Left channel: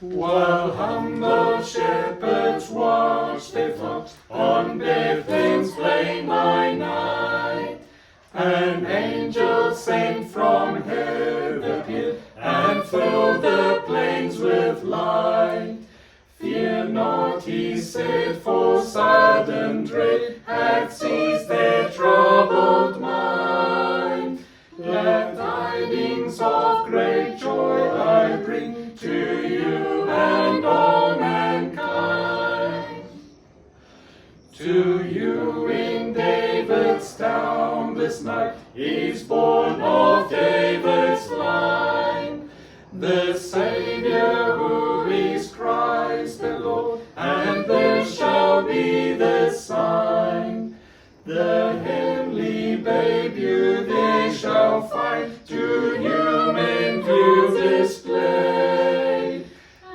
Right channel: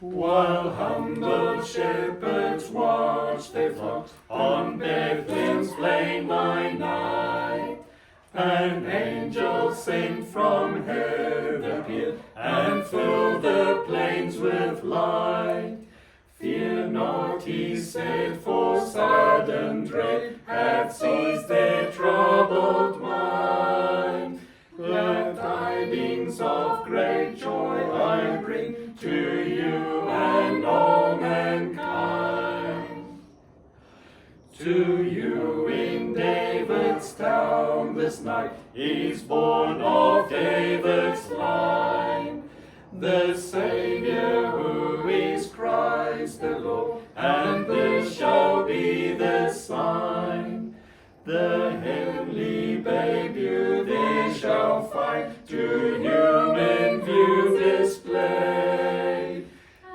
While humble shepherds watch their flock on Bethlehem's plain by night, an angel sent from heaven appeared and filled the plains with light. Fear not, he said, for sudden dread hath seized their troubled mind. Glad tidings of great joy I bring to you and all mankind. To you in David's town this night is born of David's line the Savior who is Christ the Lord, and this shall be the sign. The heavenly babe you there shall find, to human view displayed,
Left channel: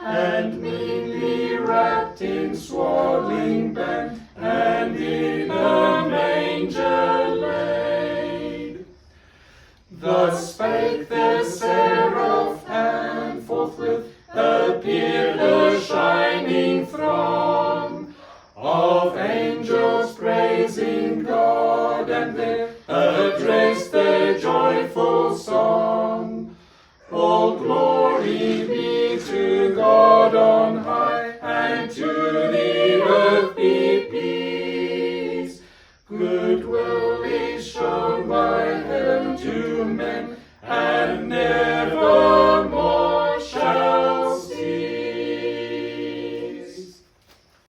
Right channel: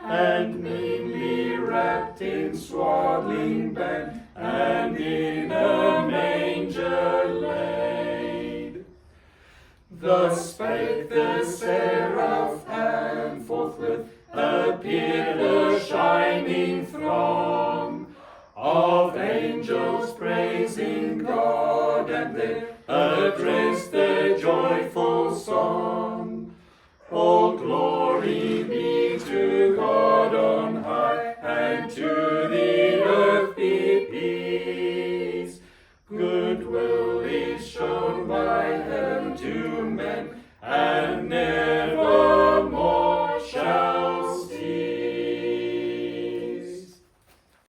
and meanly wrapped in swaddling band, and in a manger laid. Thus spake the seraph, and forthwith appeared a shining throng of angels praising God, and there